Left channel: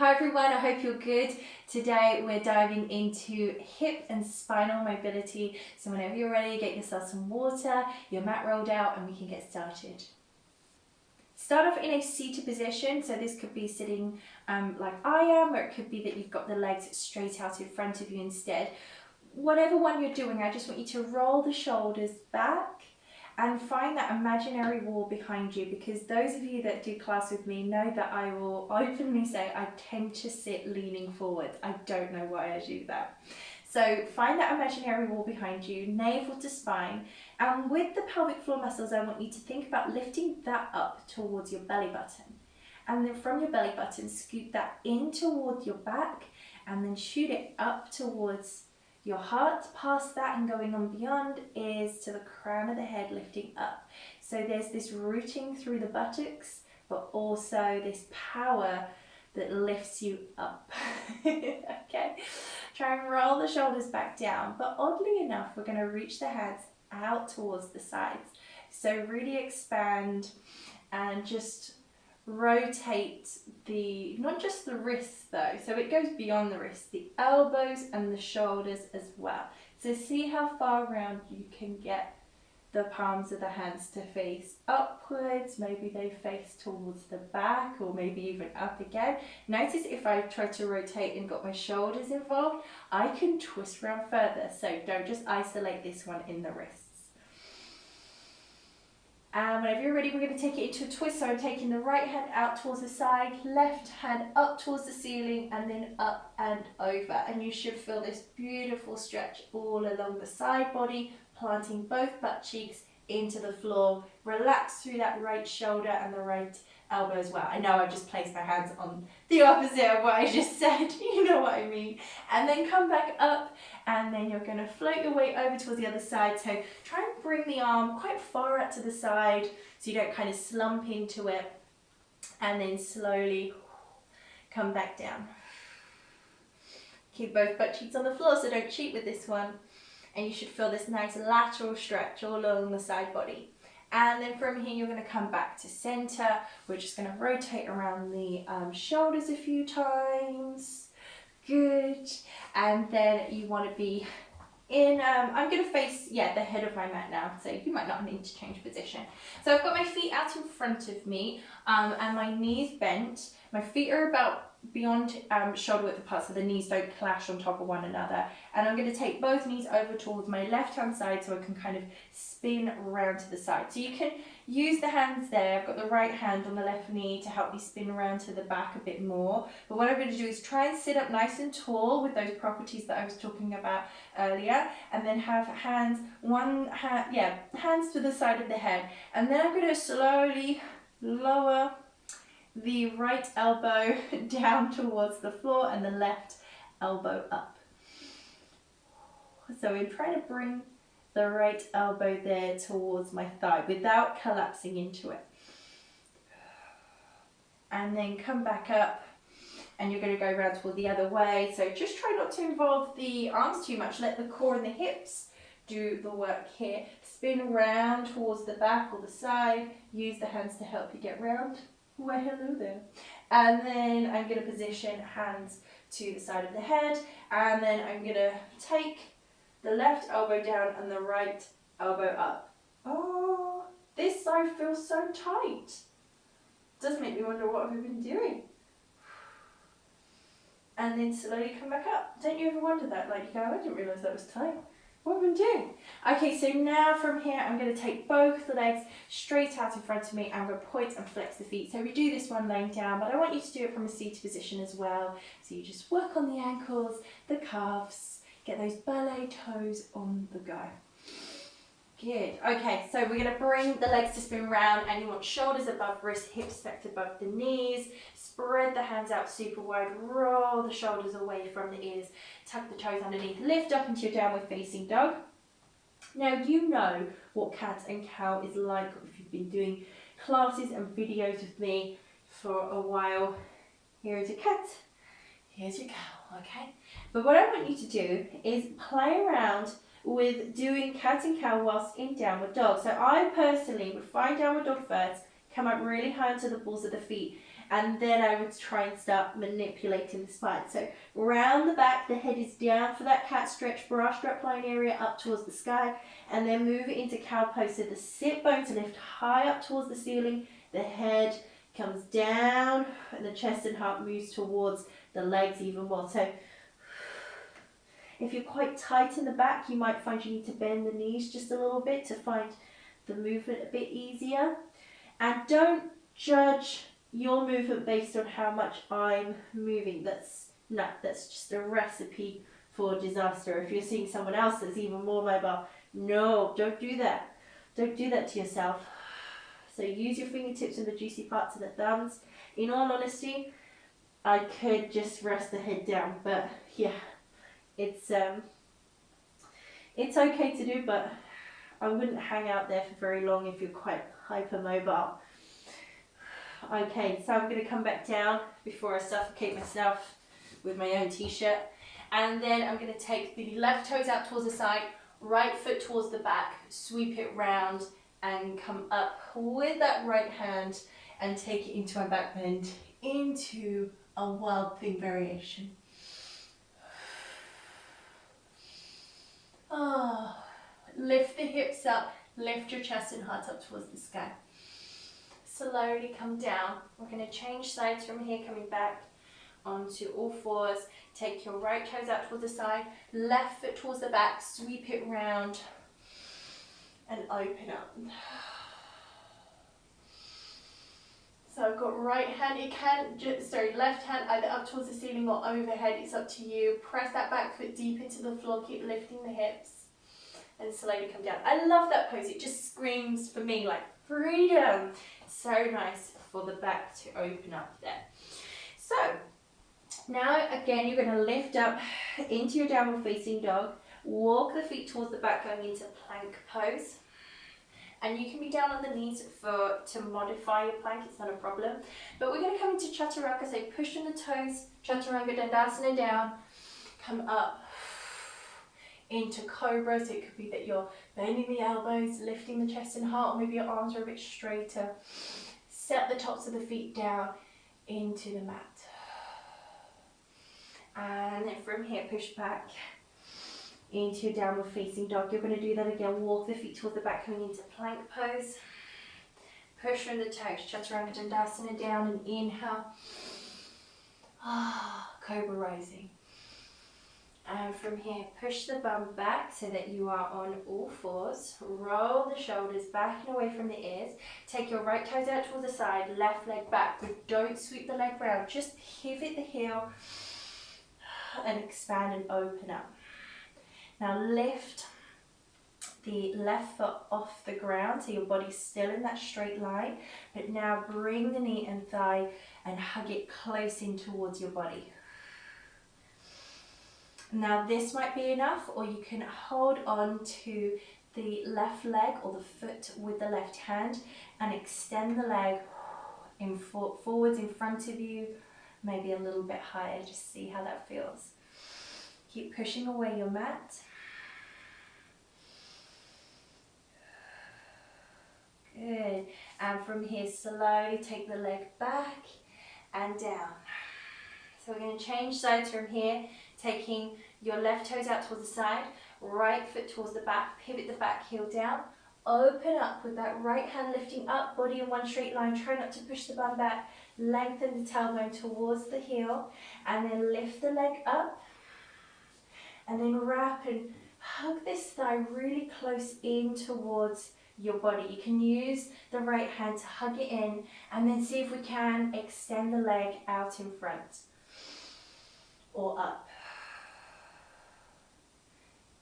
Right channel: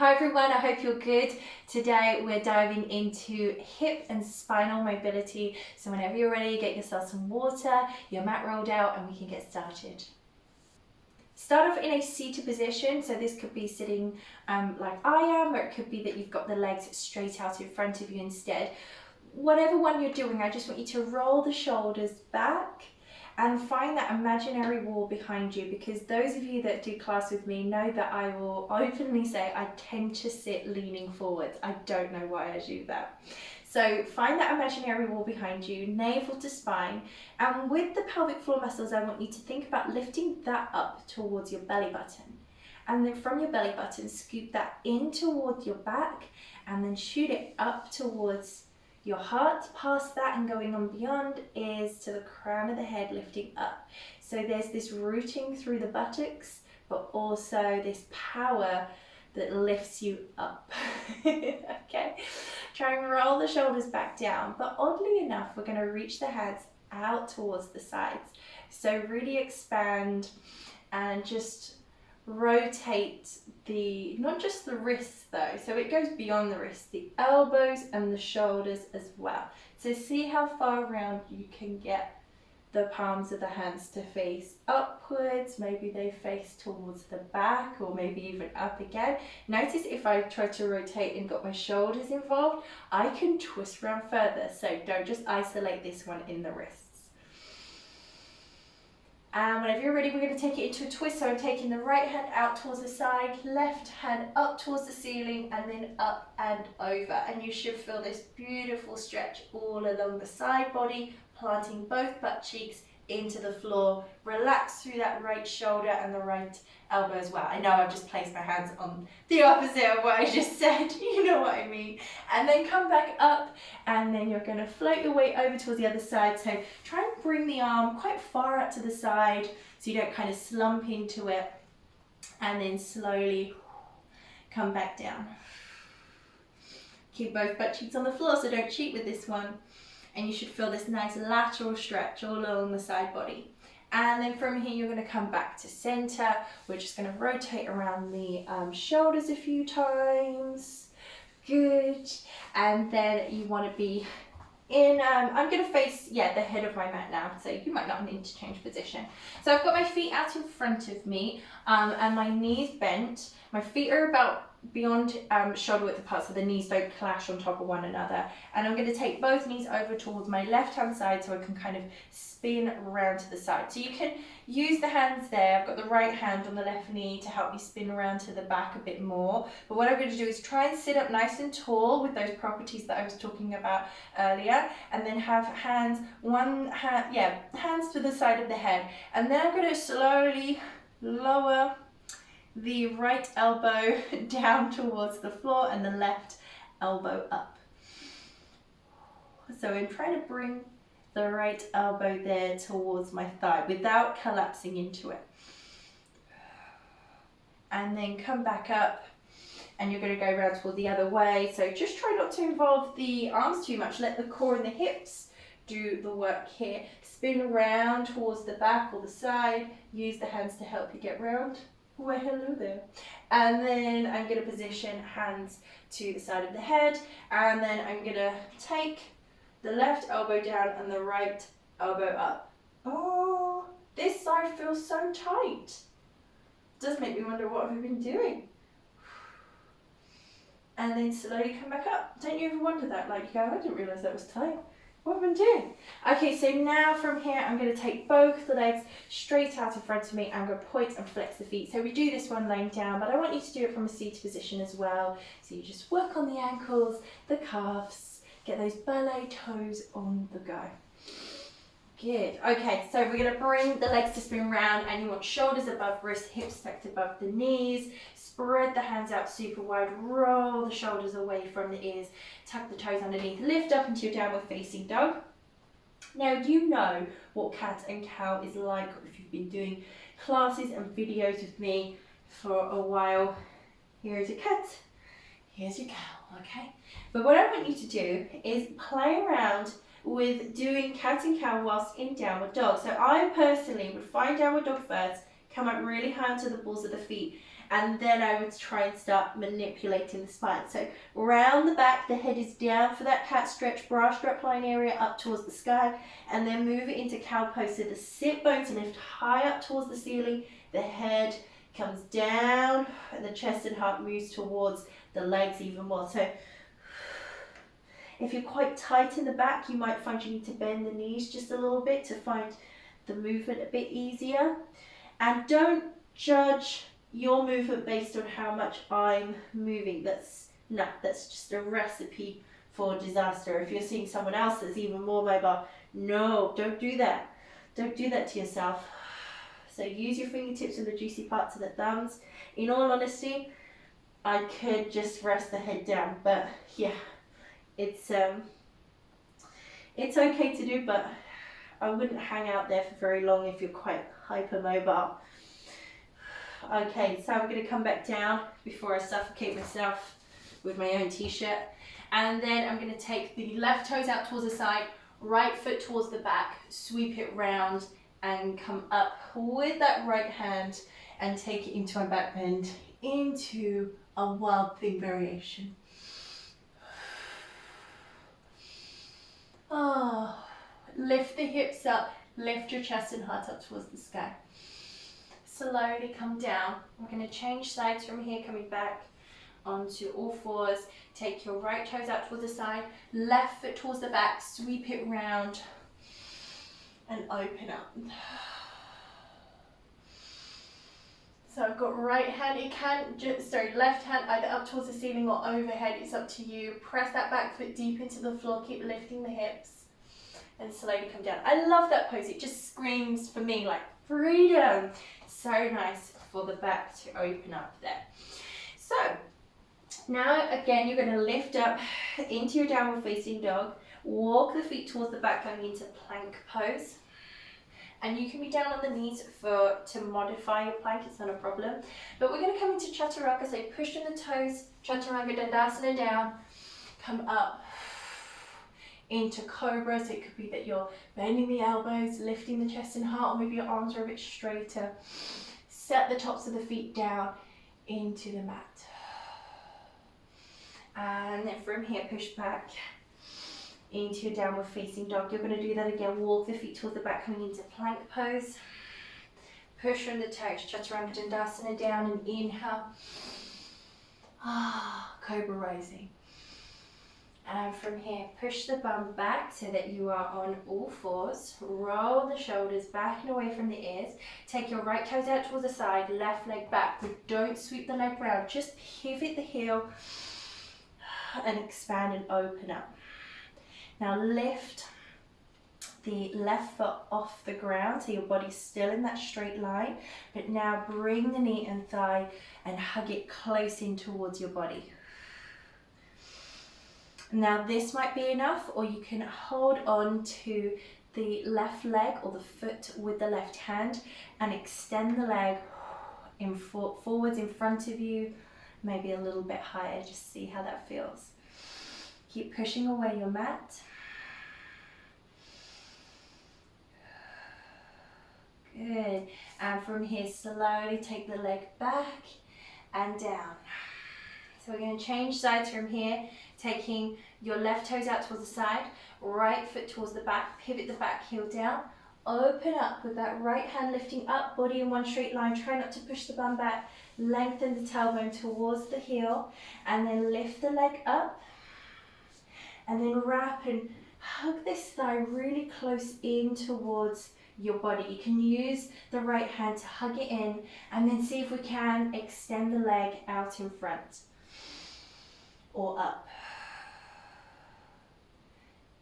Hi everyone, I hope you're good. Today we're diving into hip and spinal mobility. So whenever you're ready, get yourself some water, your mat rolled out, and we can get started. Start off in a seated position. So this could be sitting like I am, or it could be that you've got the legs straight out in front of you instead. Whatever one you're doing, I just want you to roll the shoulders back and find that imaginary wall behind you, because those of you that do class with me know that I will openly say I tend to sit leaning forward. I don't know why I do that. So find that imaginary wall behind you, navel to spine, and with the pelvic floor muscles, I want you to think about lifting that up towards your belly button. And then from your belly button, scoop that in towards your back and then shoot it up towards your heart. Past that and going on beyond is to the crown of the head, lifting up. So there's this rooting through the buttocks, but also this power that lifts you up. Okay, try and roll the shoulders back down, but oddly enough, we're going to reach the hands out towards the sides. So really expand and just rotate not just the wrists though, so it goes beyond the wrists, the elbows and the shoulders as well. So see how far around you can get the palms of the hands to face upwards. Maybe they face towards the back, or maybe even up again. Notice if I try to rotate and got my shoulders involved, I can twist around further. So don't just isolate this one in the wrists. And whenever you're ready, we're going to take it into a twist. So I'm taking the right hand out towards the side, left hand up towards the ceiling, and then up and over. And you should feel this beautiful stretch all along the side body, planting both butt cheeks into the floor. Relax through that right shoulder and the right elbow as well. I know I've just placed my hands on the opposite of what I just said, you know what I mean. And then come back up, and then you're going to float your way over towards the other side. So try and bring the arm quite far out to the side so you don't kind of slump into it, and then slowly come back down. Keep both butt cheeks on the floor, so don't cheat with this one. And you should feel this nice lateral stretch all along the side body. And then from here, you're going to come back to center. We're just going to rotate around the shoulders a few times. Good. And then you want to be in, I'm going to face, the head of my mat now. So you might not need to change position. So I've got my feet out in front of me and my knees bent. My feet are about beyond shoulder width apart, so the knees don't clash on top of one another. And I'm going to take both knees over towards my left hand side so I can kind of spin around to the side. So you can use the hands there. I've got the right hand on the left knee to help me spin around to the back a bit more. But what I'm going to do is try and sit up nice and tall with those properties that I was talking about earlier, and then have hands to the side of the head. And then I'm going to slowly lower the right elbow down towards the floor and the left elbow up. So I'm trying to bring the right elbow there towards my thigh without collapsing into it. And then come back up, and you're going to go around toward the other way. So just try not to involve the arms too much. Let the core and the hips do the work here. Spin around towards the back or the side. Use the hands to help you get round. Why, hello there. And then I'm going to position hands to the side of the head, and then I'm going to take the left elbow down and the right elbow up. Oh, this side feels so tight. Does make me wonder what have I been doing. And then slowly come back up. Don't you ever wonder that? Like you go, I didn't realise that was tight. What have I been doing? Okay, so now from here, I'm going to take both the legs straight out in front of me. I'm going to point and flex the feet. So we do this one laying down, but I want you to do it from a seated position as well. So you just work on the ankles, the calves, get those ballet toes on the go. Good. Okay, so we're going to bring the legs to spin round, and you want shoulders above wrists, hips stacked above the knees. Spread the hands out super wide, roll the shoulders away from the ears, tuck the toes underneath, lift up into your downward facing dog. Now you know what cat and cow is like if you've been doing classes and videos with me for a while. Here's your cat, here's your cow, okay? But what I want you to do is play around with doing cat and cow whilst in downward dog. So I personally would find downward dog first, come up really high onto the balls of the feet, and then I would try and start manipulating the spine. So round the back, the head is down for that cat stretch, bra strap line area up towards the sky, and then move it into cow pose. So the sit bones lift high up towards the ceiling, the head comes down, and the chest and heart moves towards the legs even more. So if you're quite tight in the back, you might find you need to bend the knees just a little bit to find the movement a bit easier. And don't judge your movement based on how much I'm moving. That's just a recipe for disaster. If you're seeing someone else that's even more mobile, no, don't do that. Don't do that to yourself. So use your fingertips and the juicy parts of the thumbs. In all honesty, I could just rest the head down, but yeah, it's okay to do, but I wouldn't hang out there for very long if you're quite hypermobile. Okay, so I'm going to come back down before I suffocate myself with my own t-shirt, and then I'm going to take the left toes out towards the side, right foot towards the back, sweep it round and come up with that right hand and take it into my back bend into a wild thing variation. Oh, lift the hips up, lift your chest and heart up towards the sky. Slowly come down. We're going to change sides from here, coming back onto all fours. Take your right toes out towards the side, left foot towards the back, sweep it round and open up. So I've got right hand, left hand either up towards the ceiling or overhead, it's up to you. Press that back foot deep into the floor, keep lifting the hips and slowly come down. I love that pose, it just screams for me like freedom. So nice for the back to open up there. So now again, you're going to lift up into your downward facing dog, walk the feet towards the back going into plank pose. And you can be down on the knees to modify your plank, it's not a problem. But we're going to come into chaturanga, so push on the toes, chaturanga dandasana down, come up into cobra, so it could be that you're bending the elbows, lifting the chest and heart, or maybe your arms are a bit straighter. Set the tops of the feet down into the mat. And then from here, push back into your downward facing dog. You're going to do that again. Walk the feet towards the back, coming into plank pose. Push from the toes, chaturanga dandasana down and inhale. Cobra rising. And from here, push the bum back so that you are on all fours. Roll the shoulders back and away from the ears. Take your right toes out towards the side, left leg back, but don't sweep the leg round. Just pivot the heel and expand and open up. Now lift the left foot off the ground so your body's still in that straight line, but now bring the knee and thigh and hug it close in towards your body. Now this might be enough, or you can hold on to the left leg or the foot with the left hand and extend the leg forwards in front of you, maybe a little bit higher, just see how that feels. Keep pushing away your mat. Good. And from here, slowly take the leg back and down. So we're going to change sides from here, taking your left toes out towards the side, right foot towards the back, pivot the back heel down, open up with that right hand lifting up, body in one straight line, try not to push the bum back, lengthen the tailbone towards the heel, and then lift the leg up, and then wrap and hug this thigh really close in towards your body. You can use the right hand to hug it in, and then see if we can extend the leg out in front or up.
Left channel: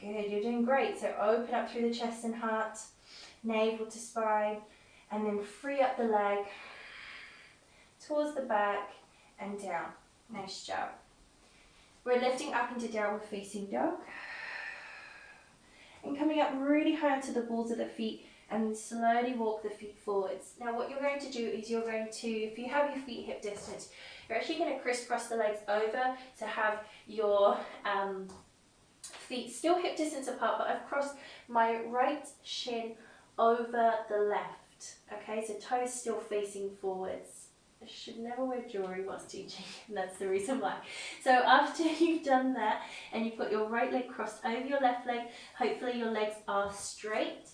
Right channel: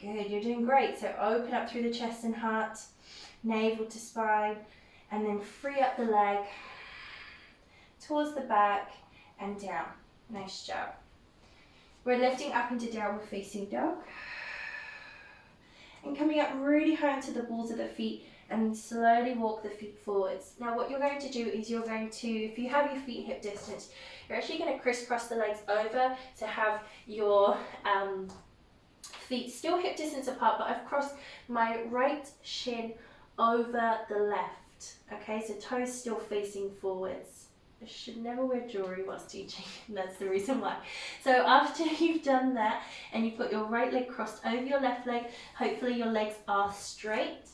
Good, you're doing great. So open up through the chest and heart, navel to spine, and then free up the leg towards the back and down. Nice job. We're lifting up into downward facing dog and coming up really high onto the balls of the feet, and slowly walk the feet forwards. Now what you're going to do is you're going to, if you have your feet hip distance, you're actually going to crisscross the legs over to have your feet still hip distance apart, but I've crossed my right shin over the left. Okay, so toes still facing forwards. I should never wear jewellery whilst teaching, and that's the reason why. So after you've done that and you've got your right leg crossed over your left leg, hopefully your legs are straight.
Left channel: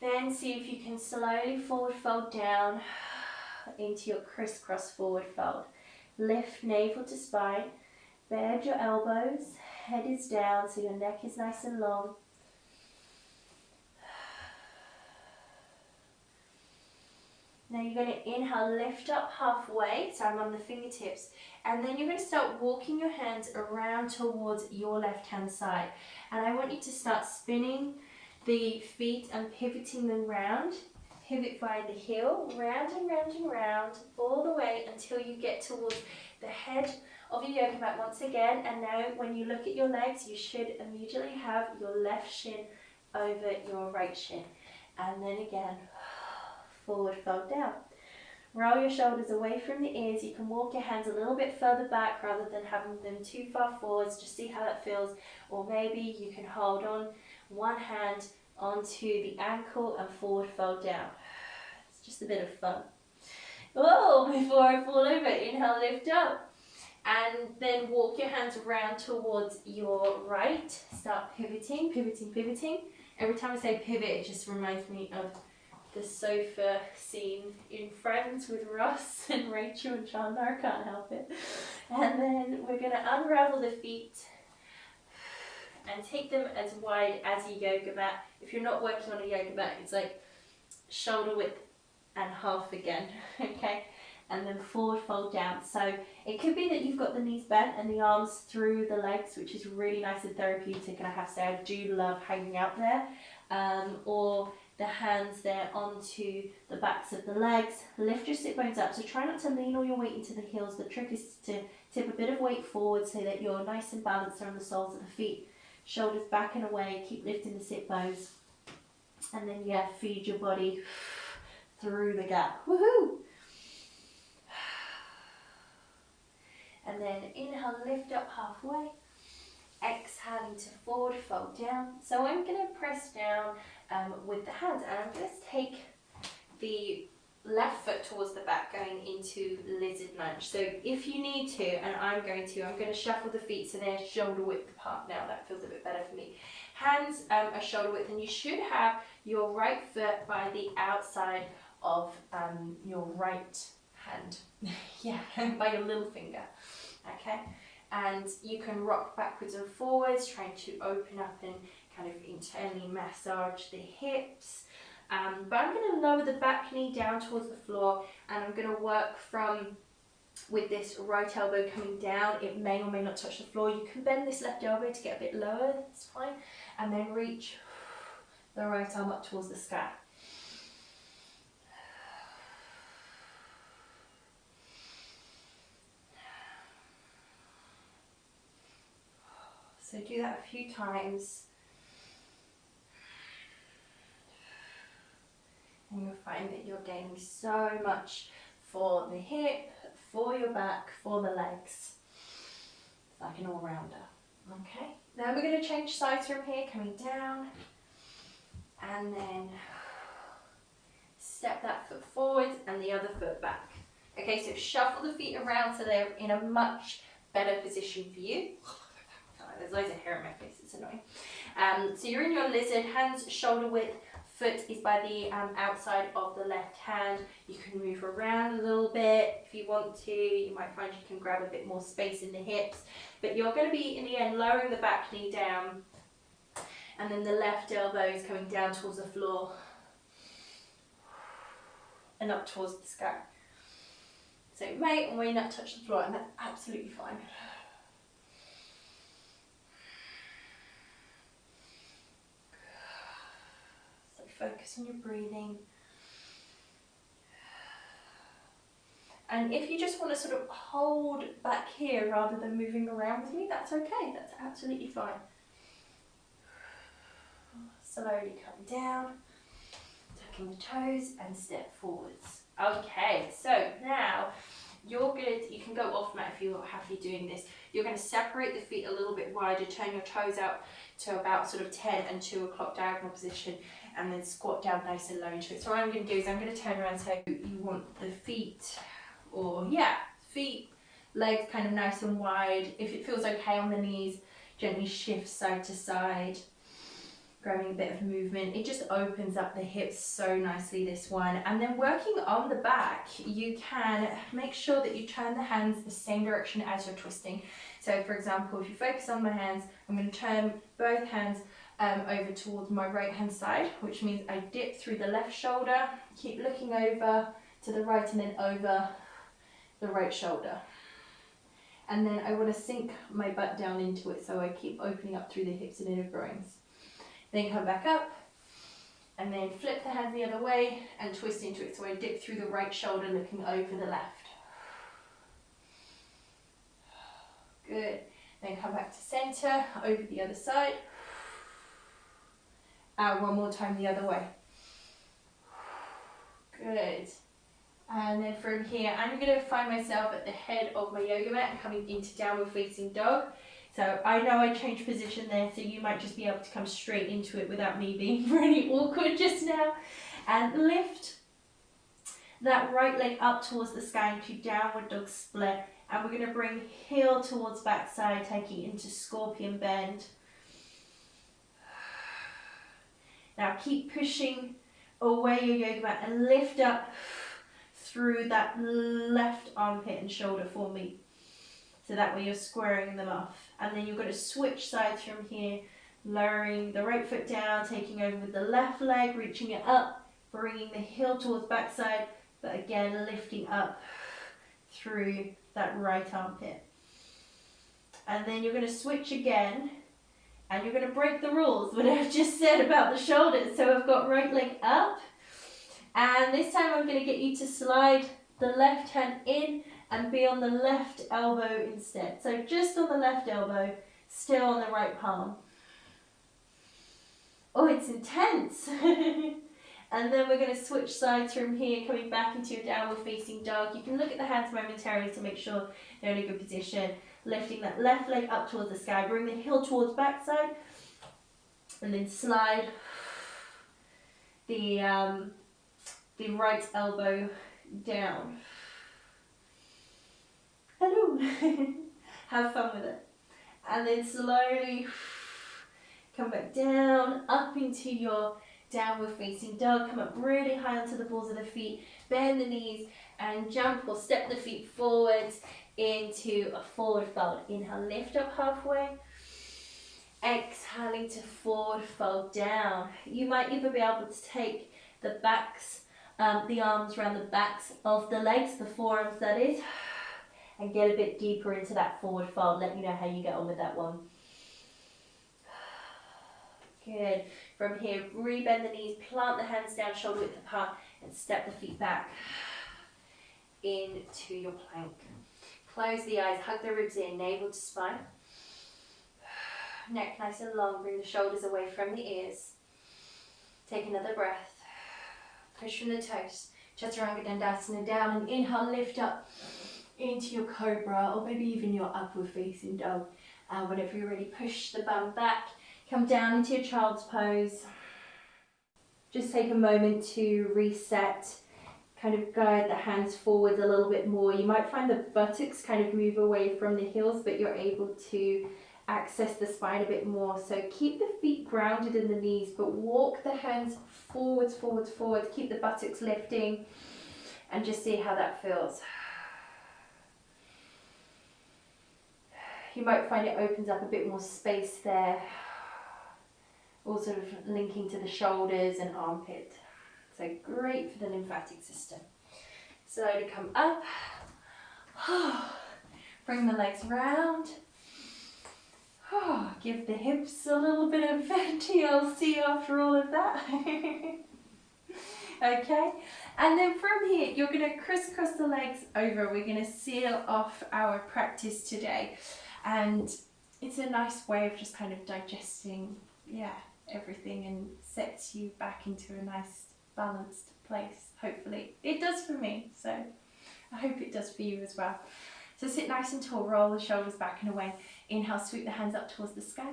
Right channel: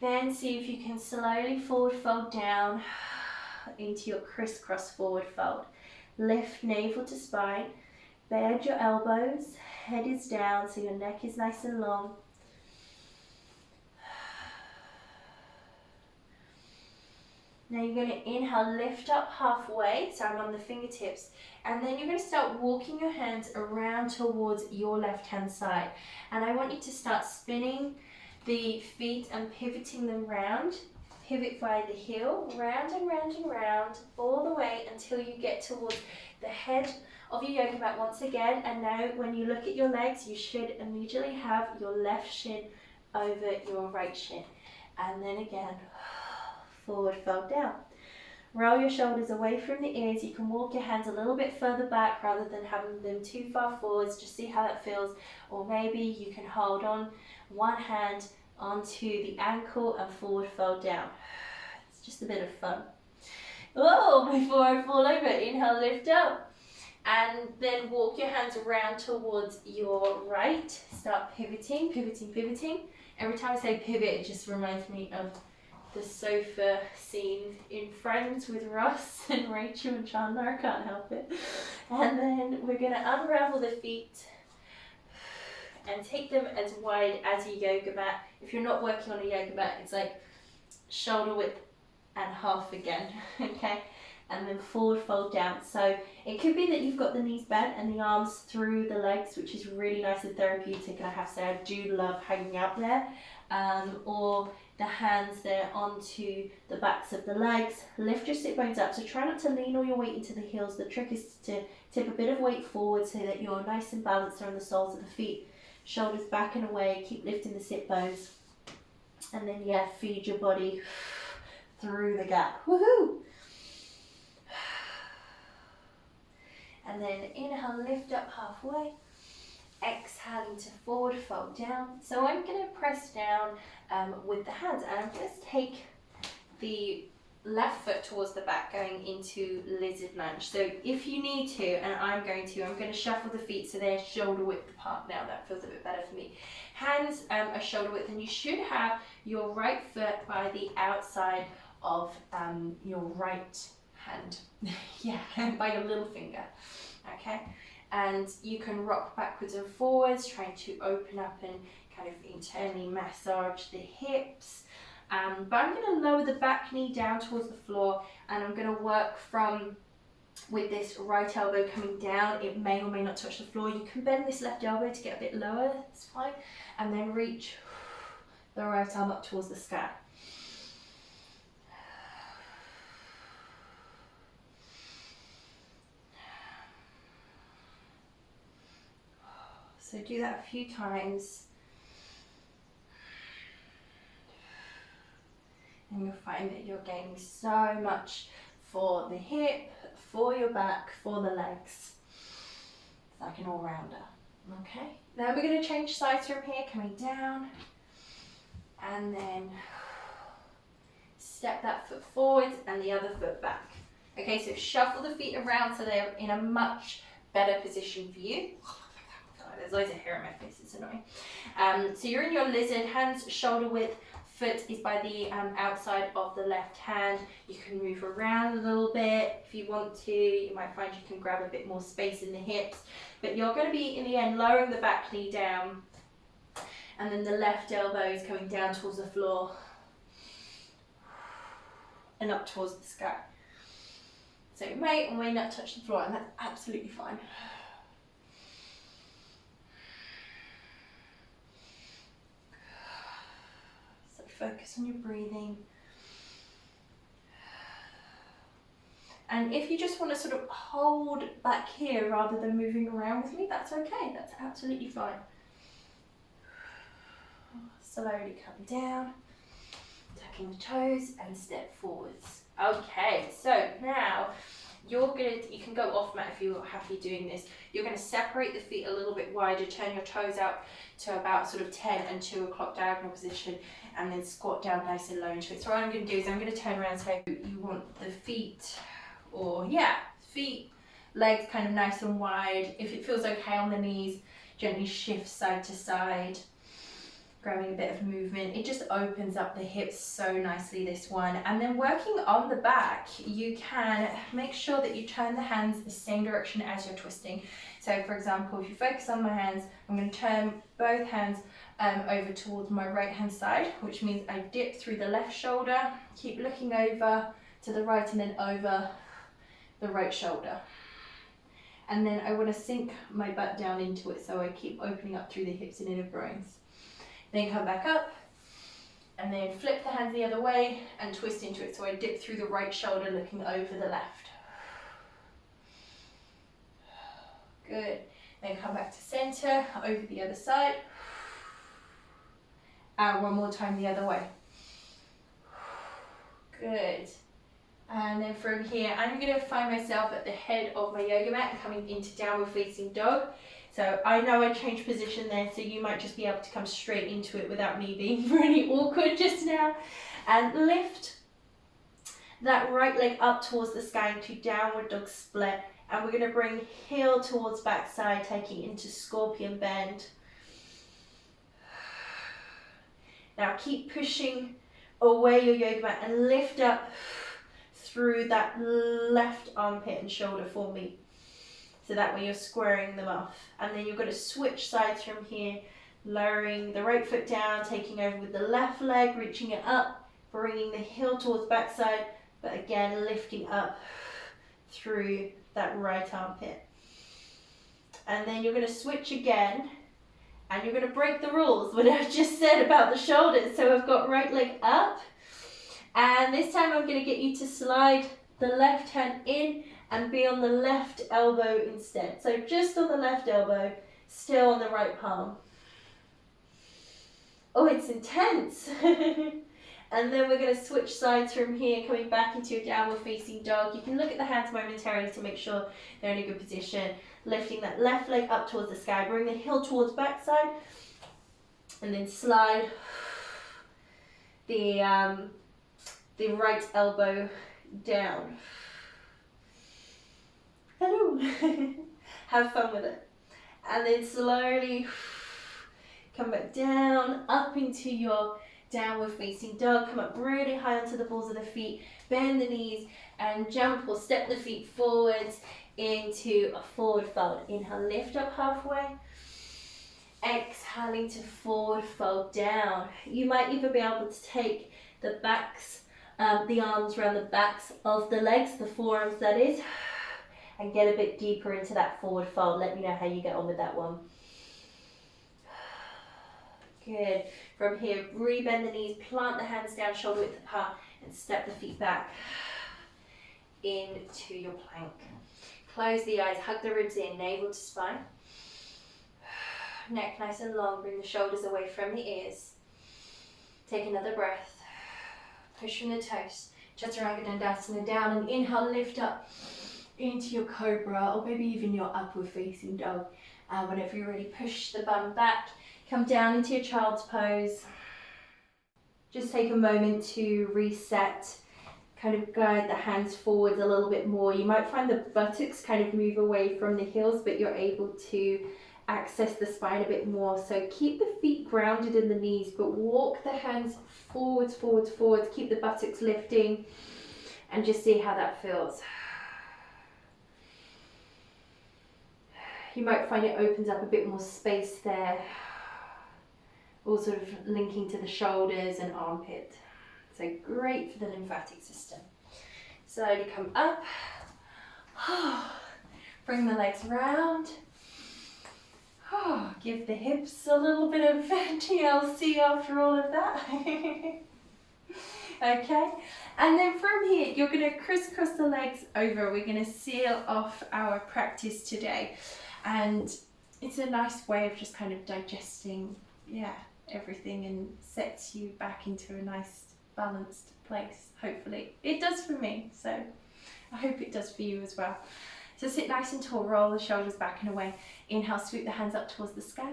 Then see if you can slowly forward fold down into your crisscross forward fold. Lift navel to spine, bend your elbows, head is down so your neck is nice and long. Now you're going to inhale, lift up halfway, so I'm on the fingertips, and then you're going to start walking your hands around towards your left hand side. And I want you to start spinning the feet and pivoting them round. Pivot via the heel, round and round and round, all the way until you get towards the head of your yoga mat once again. And now when you look at your legs, you should immediately have your left shin over your right shin. And then again, forward fold down. Roll your shoulders away from the ears. You can walk your hands a little bit further back rather than having them too far forwards. Just see how that feels. Or maybe you can hold on one hand onto the ankle and forward fold down. It's just a bit of fun. Oh, before I fall over, inhale, lift up. And then walk your hands around towards your right. Start pivoting, pivoting, pivoting. Every time I say pivot, it just reminds me of the sofa scene in Friends with Ross and Rachel and Chandler. I can't help it. And then we're going to unravel the feet and take them as wide as a yoga mat. If you're not working on a yoga mat, it's like shoulder width and half again, okay? And then forward fold down. So it could be that you've got the knees bent and the arms through the legs, which is really nice and therapeutic, and I have to say I do love hanging out there. Or the hands there onto the backs of the legs. Lift your sit bones up, so try not to lean all your weight into the heels. The trick is to tip a bit of weight forward so that you're nice and balanced on the soles of the feet. Shoulders back and away, keep lifting the sit bones. And then yeah, feed your body through the gap. Woohoo! And then inhale, lift up halfway. Exhaling to forward fold down. So I'm going to press down with the hands, and I'm going to take the left foot towards the back, going into lizard lunge. So if you need to, and I'm going to shuffle the feet so they're shoulder width apart now. That feels a bit better for me. Hands are shoulder width, and you should have your right foot by the outside of your right hand. Yeah, by your little finger. Okay. And you can rock backwards and forwards, trying to open up and kind of internally massage the hips. But I'm going to lower the back knee down towards the floor, and I'm going to work from with this right elbow coming down. It may or may not touch the floor. You can bend this left elbow to get a bit lower, it's fine. And then reach the right arm up towards the sky. So do that a few times, and you'll find that you're gaining so much for the hip, for your back, for the legs. It's like an all-rounder. Okay, now we're going to change sides from here, coming down, and then step that foot forward and the other foot back. Okay, so shuffle the feet around so they're in a much better position for you. There's loads of hair in my face, it's annoying. So you're in your lizard, hands shoulder width, foot is by the outside of the left hand. You can move around a little bit if you want to. You might find you can grab a bit more space in the hips, but you're going to be, in the end, lowering the back knee down, and then the left elbow is coming down towards the floor and up towards the sky. So it may or may not touch the floor, and that's absolutely fine. Focus on your breathing. And if you just want to sort of hold back here rather than moving around with me, that's okay. That's absolutely fine. Slowly come down, tucking the toes and step forwards. Okay, so now you can go off mat if you're happy doing this. You're going to separate the feet a little bit wider, turn your toes out to about sort of 10 and 2 o'clock diagonal position, and then squat down nice and low into it. So what I'm going to do is I'm going to turn around, so you want the feet or yeah, feet, legs kind of nice and wide. If it feels okay on the knees, gently shift side to side, grabbing a bit of movement. It just opens up the hips so nicely, this one. And then working on the back, you can make sure that you turn the hands the same direction as you're twisting. So for example, if you focus on my hands, I'm going to turn both hands over towards my right hand side, which means I dip through the left shoulder, keep looking over to the right and then over the right shoulder. And then I want to sink my butt down into it, so I keep opening up through the hips and inner groins. Then come back up and then flip the hands the other way and twist into it. So I dip through the right shoulder looking over the left. Good. Then come back to center, over the other side. And one more time the other way. Good. And then from here, I'm going to find myself at the head of my yoga mat and coming into downward facing dog. So I know I changed position there, so you might just be able to come straight into it without me being really awkward just now. And lift that right leg up towards the sky into downward dog split. And we're going to bring heel towards backside, taking into scorpion bend. Now keep pushing away your yoga mat and lift up through that left armpit and shoulder for me. So that way you're squaring them off. And then you're going to switch sides from here, lowering the right foot down, taking over with the left leg, reaching it up, bringing the heel towards backside, but again lifting up through that right armpit. And then you're going to switch again, and you're going to break the rules, what I've just said about the shoulders. So I've got right leg up, and this time I'm going to get you to slide the left hand in and be on the left elbow instead. So just on the left elbow, still on the right palm. Oh, it's intense. And then we're going to switch sides from here, coming back into a downward facing dog. You can look at the hands momentarily to make sure they're in a good position. Lifting that left leg up towards the sky. Bring the heel towards backside. And then slide the right elbow down. Hello. Have fun with it. And then slowly come back down, up into your downward facing dog. Come up really high onto the balls of the feet, bend the knees and jump or step the feet forwards into a forward fold. Inhale, lift up halfway. Exhaling to forward fold down. You might even be able to take the backs, the arms around the backs of the legs, the forearms that is, and get a bit deeper into that forward fold. Let me know how you get on with that one. Good. From here, re-bend the knees, plant the hands down, shoulder width apart, and step the feet back into your plank. Close the eyes, hug the ribs in, navel to spine. Neck nice and long, bring the shoulders away from the ears. Take another breath. Push from the toes. Chaturanga Dandasana down and inhale, lift up into your cobra or maybe even your upward facing dog. Whenever you're ready, push the bum back. Come down into your child's pose. Just take a moment to reset. Kind of guide the hands forwards a little bit more. You might find the buttocks kind of move away from the heels, but you're able to access the spine a bit more. So keep the feet grounded in the knees, but walk the hands forwards, forwards, forwards. Keep the buttocks lifting and just see how that feels. You might find it opens up a bit more space there. All sort of linking to the shoulders and armpit. So great for the lymphatic system. Slowly come up. Bring the legs round. Give the hips a little bit of TLC after all of that. Okay, and then from here, you're going to crisscross the legs over. We're going to seal off our practice today. And it's a nice way of just kind of digesting, everything, and sets you back into a nice balanced place, hopefully. It does for me, so I hope it does for you as well. So sit nice and tall, roll the shoulders back and away. Inhale, sweep the hands up towards the sky.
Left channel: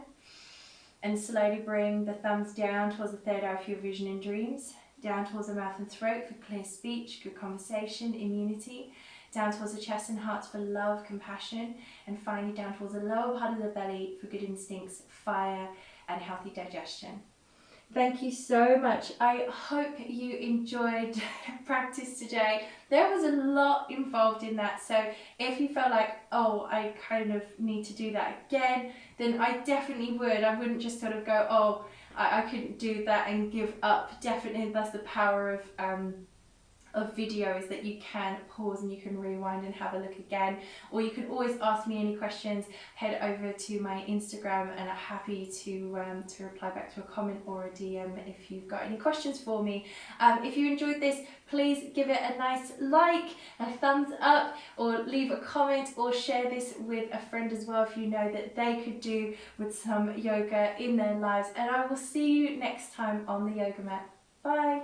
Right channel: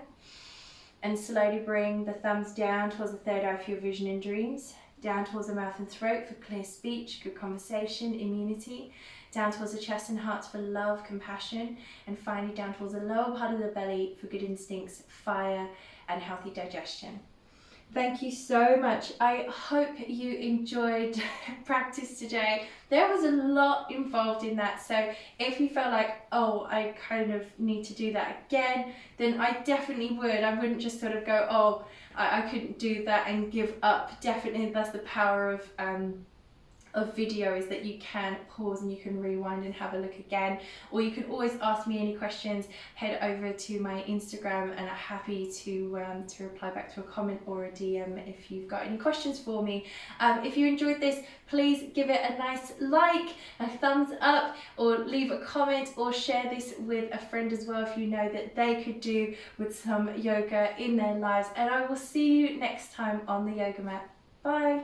And slowly bring the thumbs down towards the third eye for your vision and dreams. Down towards the mouth and throat for clear speech, good conversation, immunity. down towards the chest and heart for love, compassion, and finally down towards the lower part of the belly for good instincts, fire, and healthy digestion. Thank you so much. I hope you enjoyed practice today. There was a lot involved in that, so if you felt like, oh, I kind of need to do that again, then I definitely would. I wouldn't just sort of go, oh, I couldn't do that and give up. Definitely, that's the power of video, is that you can pause and you can rewind and have a look again, or you can always ask me any questions. Head over to my Instagram and I'm happy to reply back to a comment or a DM if you've got any questions for me. If you enjoyed this, please give it a nice like, a thumbs up, or leave a comment, or share this with a friend as well if you know that they could do with some yoga in their lives. And I will see you next time on the yoga mat. Bye.